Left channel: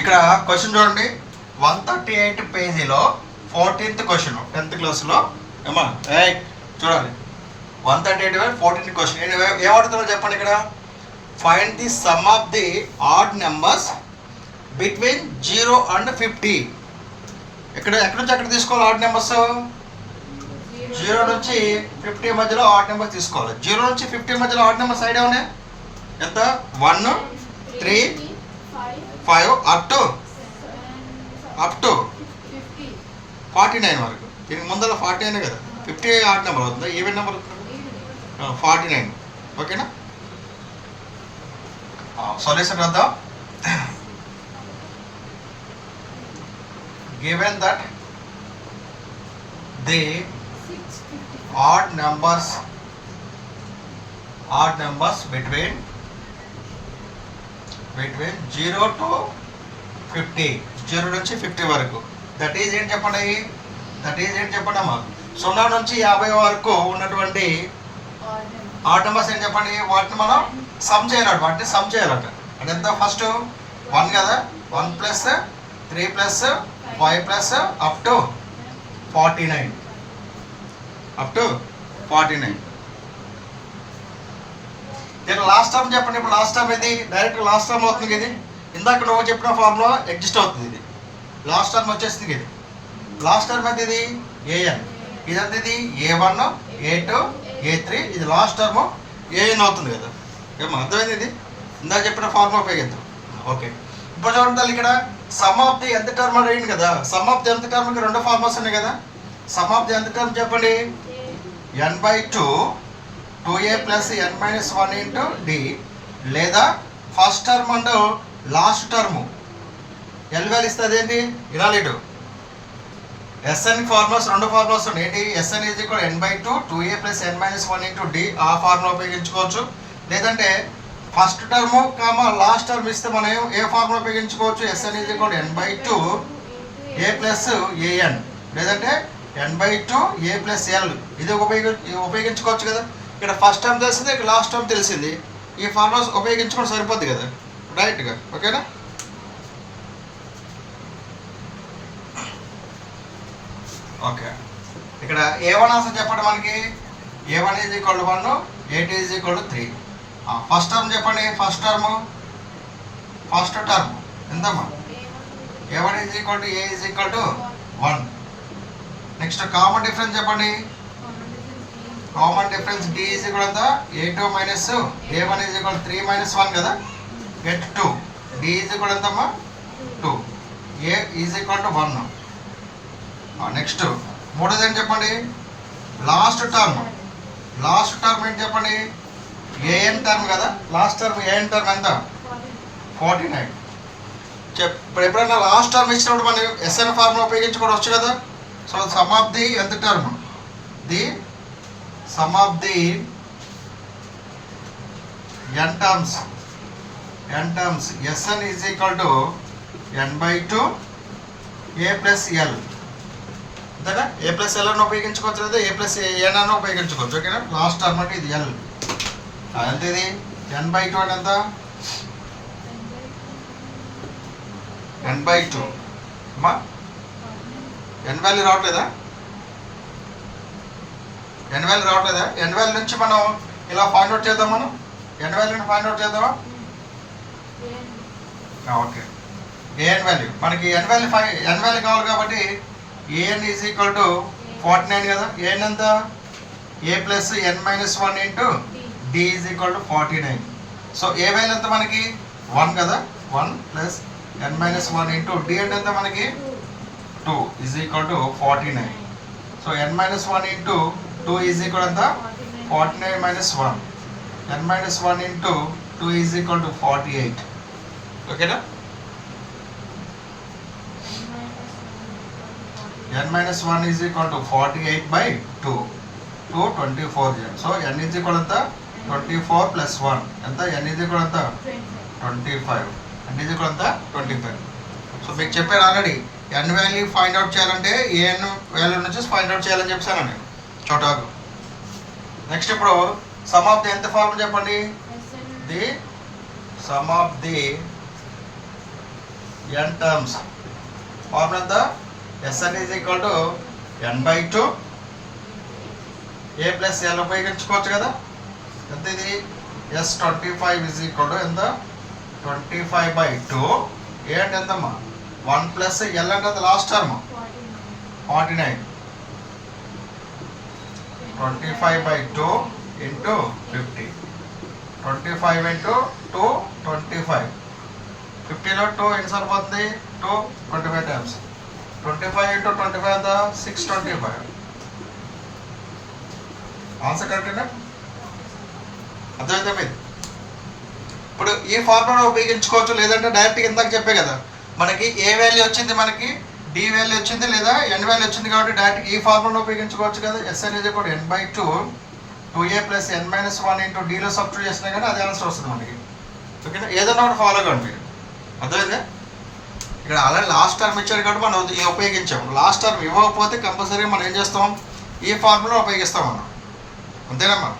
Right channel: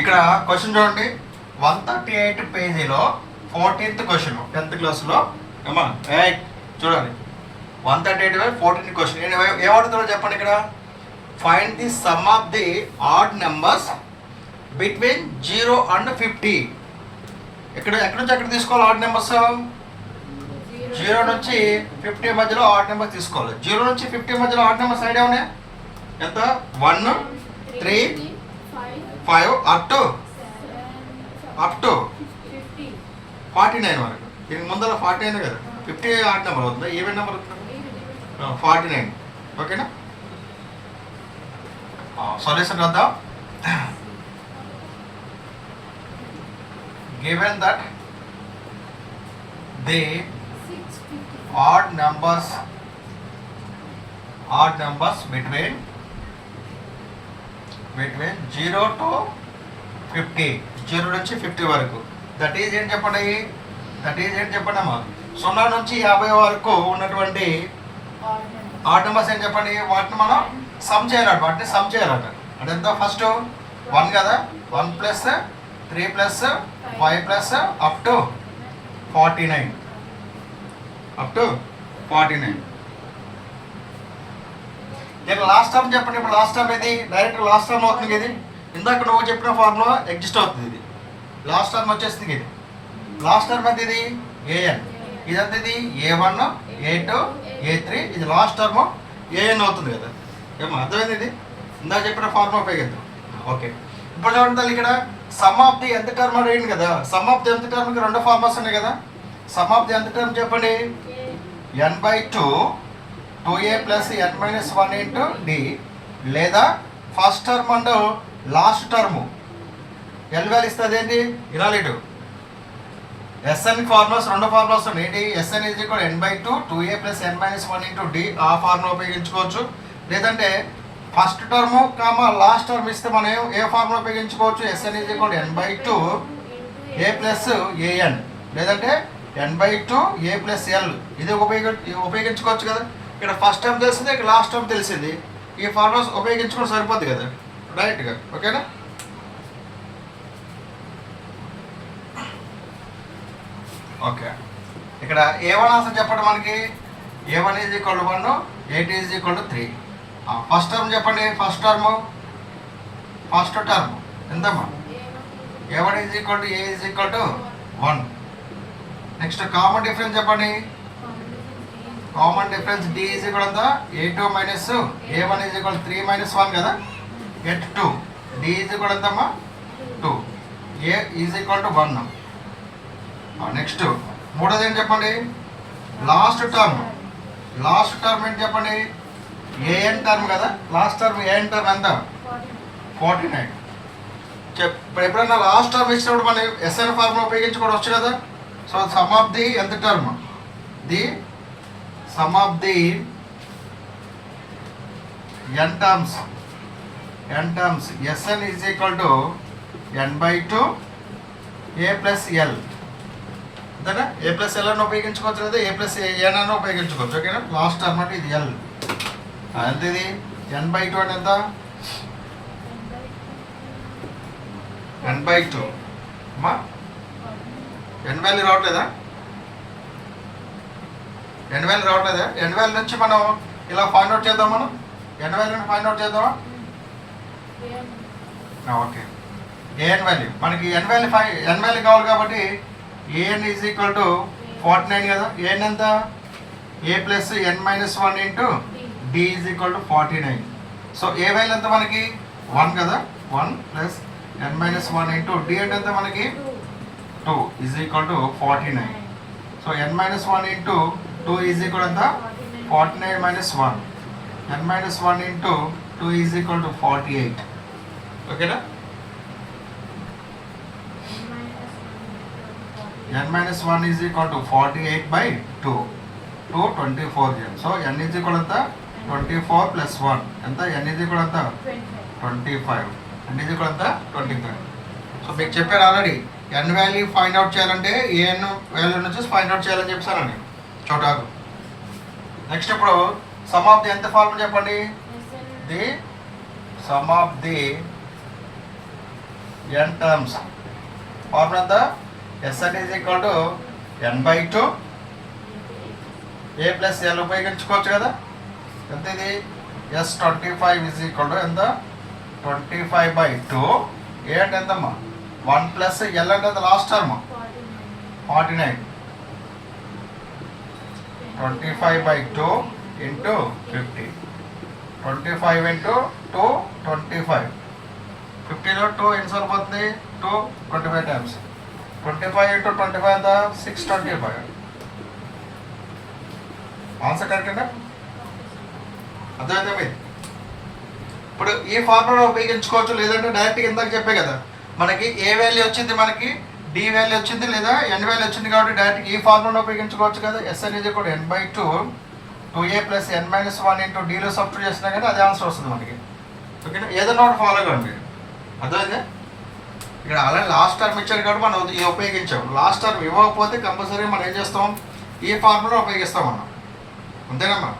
ఇక్కడ క్వశ్చన్ చూడండి 138 పేజీలో 14th క్వశ్చన్ 10th క్లాస్లో ఏమా చూడండి 138 14th క్వశ్చన్ ఏమడుతుందో చెప్పండి. ఇక్కడ find the sum of the odd numbers between 0 and 50. ఇక్కడ ఎక్కడి నుంచి ఎక్కడ తీసుకోవాలి ఆడ్ నెంబర్స్? 0 నుంచి 50 మధ్యలో ఆడ్ నెంబర్స్ తీసుకోవాలి. 0 నుంచి 50 మధ్యలో ఆడ్ నెంబర్స్ ఐడియా ఉన్నాయి ఎంత? 1 3 5 అప్ టు 49 వరకు. దీనికి ముందర 49 కదా, 50 ఆడ్ నెంబర్ అవుతుందా ఈవెన్ నెంబర్? 49. ఓకేనా? సొల్యూషన్ వద్దాం. Given that the odd numbers between 0 to 50, 0 నుంచి 50 వరకు, దట్ ఈజ్ ఏంటి చెప్పండి? అమ్మా 0 నుంచి 50 వరకు ఉన్నటువంటి ఆడ్ నెంబర్స్ ఏంటి చెప్పండి? వాటిని మనం సమ్ చేయాలట. అదెంత? ఫస్ట్ 1 కదా, 1 plus 3 plus 5 plus up to 49. దీని లాస్ట్ టర్మ్ చెప్పండి. ఇప్పుడు లాస్ట్ టర్మ్ ఇది డైరెక్ట్ లాస్ట్ టర్మ్ అవుతుంది. ఇది ఇందాక నువ్వు చెప్పిన ఫార్ములా ఎగ్జిస్ట్ అవుతుంది. ఇది లాస్ట్ టర్మ్ వచ్చేస్తుంది. ఇది లాస్ట్ టర్మ్ అయితే ఇది ఏఎన్, ఇదంతా ఇది A1 A2 A3, ఇది లాస్ట్ టర్మ్ ఏఎన్ అవుతుంది కదా. ఏమో అర్థమైంది? ఇది ఇందాక చెప్పిన ఫార్ములా ఉపయోగిద్దాం. ఓకే, ఇప్పుడు చూడండి ఇక్కడ సమ్ ఆఫ్ ది ఎంత టర్మ్ అడిగింది కదా. సమ్ ఆఫ్ ది ఎంత టర్మ్కి 2 ఫార్ములాస్ ఉన్నాయి కదా. సమ్ ఆఫ్ ది ఎంత టర్మ్ చెప్పండి? n/2 2a plus n-1 into D, లేదా first term and last term L value ఇస్తుంది. ఏంటి ఇలా లేడు? ఎస్ఎన్ ఫార్ములాస్ 2 ఫార్ములాస్ ఉన్నాయి. ఏంటి? SN is equal n/2 2a plus n-1 into D, ఆ ఫార్ములా ఉపయోగించుకోవచ్చు. లేదంటే first term comma last term ఇస్తే మనం ఏ ఫార్ములా ఉపయోగించుకోవచ్చు? SN is equal n/2 a plus AN, లేదంటే n/2 a ప్లస్ ఎల్, ఇది ఉపయోగించుకోవచ్చు కదా. ఇక్కడ ఫస్ట్ టర్మ్ తెలిసింది, ఇక్కడ లాస్ట్ టర్మ్ తెలిసింది. ఈ ఫార్ములాస్ ఉపయోగించుకోవడం సరిపోద్ది కదా డైరెక్ట్గా. ఓకేనా? ఓకే, ఇక్కడ A1 ఆన్సర్ చెప్పండి మనకి. A1 is equal to 1, A2 is equal to 3. First term చెప్పండి. ఫస్ట్ టర్మ్ ఎంతమ్మా? A1 is equal to A is equal to 1. Next common difference చెప్పండి. Common difference D is equal ఎంత? A2 minus A1 is equal 3 minus 1 కదా, get 2. D is equal ఎంతమ్మా? 2. A is equal to 1. Next మూడోది ఏంటి చెప్పండి? Last term ఏంటి చెప్పండి? AN term కదా. లాస్ట్ టర్మ్ ఏఎన్ టర్మ్ ఎంత? 49. ఇప్పుడు ఎప్పుడైనా లాస్ట్ టర్మ్ ఇచ్చినప్పుడు మనం ఎస్ఎన్ ఫార్ములా ఉపయోగించుకోవడం వచ్చు కదా. సో సమ్ ఆఫ్ ది ఎంత term? The sum of the n terms SN is equal to n/2 a plus L. అంతేనా? ఏ ప్లస్ ఎల్ అని ఉపయోగించుకోవచ్చు, లేదా ఏ ప్లస్ ఎన్ అని ఉపయోగించుకోవచ్చు. ఓకేనా? లాస్ట్ టర్మ్ అంటే ఇది ఎల్. ఎంత ఇది? n/2 అంటే ఎంత? n/2 అమ్మా ఎన్ వాల్యూ రావట్లేదా? ఎన్ వాల్యూ నుంచి మనం ఇలా ఫైండ్ అవుట్ చేద్దాం. మనం ఎన్ వాల్యూని ఫైండ్ అవుట్ చేద్దామా? ఓకే, ఏఎన్ వాల్యూ మనకి ఎన్ వాల్యూ కావాలి కాబట్టి ఏఎన్ ఈజ్ ఈక్వల్ టు 49 కదా. ఏఎన్ ఎంత? A plus n-1 into D is equal to 49. So A value ఎంత మనకి? 1 కదా. 1 ప్లస్ n-1 ఇంటూ డి అంటే ఎంత మనకి? 2 is equal to 49. So n-1 into 2 is equal ఎంత? 49 minus 1. n-1 into 2 is equal to 48. ఓకేనా? n-1 is equal to 48/2. 2 24. So n is equal ఎంత? 24 plus 1 ఎంత? n ఈజ్ ఈక్వల్ ఎంత? 25. n ఈజ్ ఈక్వల్ ఎంత? 25. So మీకు చెప్పారు already n value find out చేయాలంటే AN value నుంచి ఫైండ్ అవుట్ చేయాలని చెప్పానండి చోటాకు. నెక్స్ట్ ఇప్పుడు సమ్ ఆఫ్ ది ఎంత ఫార్ములా చెప్పండి? The sum of the n terms. Formula ఎంత? Sn is equal to n/2 a plus l ఉపయోగించుకోవచ్చు కదా. ఎంత ఇది? S25 ఈజ్ ఈక్వల్ టు ఎంత? 25/2. ఏ అంటే ఎంతమ్మా? 1 ప్లస్ l అంటే లాస్ట్ టర్మ్ 49. 25/2 ఇంటూ 50. 25 ఇంటూ 2 25. 50లో 2 ఎన్ని సరిపోతుంది? 2 25 టైమ్స్. 25 ఇంటూ 25 ఎంత? 625. ఆన్సర్ కరెక్టేనా? అర్థమైతే మీరు ఇప్పుడు ఈ ఫార్ములా ఉపయోగించుకోవచ్చు, లేదంటే డైరెక్ట్గా ఇందాక చెప్పే కదా మనకి ఏ వాల్యూ వచ్చింది, మనకి డి వాల్యూ వచ్చింది లేదా ఎన్ వాల్యూ వచ్చింది కాబట్టి డైరెక్ట్ ఈ ఫార్ములా ఉపయోగించుకోవచ్చు కదా. Sn is equal to n/2 2a plus n-1 into డీలో సబ్స్టిట్యూట్ చేసినా కానీ అదే ఆన్సర్ వస్తుంది మనకి. ఓకేనా? ఏదన్నా ఒకటి ఫాలో కాండి మీరు. అర్థమైందా? ఇక్కడ ఆల్రెడీ లాస్ట్ టర్మ్ ఇచ్చాడు కాబట్టి మనం ఇది ఉపయోగించాం. లాస్ట్ టర్మ్ ఇవ్వకపోతే కంపల్సరీ మనం ఏం చేస్తాం? ఈ ఫార్ములా ఉపయోగిస్తాం మనం. అంతేనమ్మా?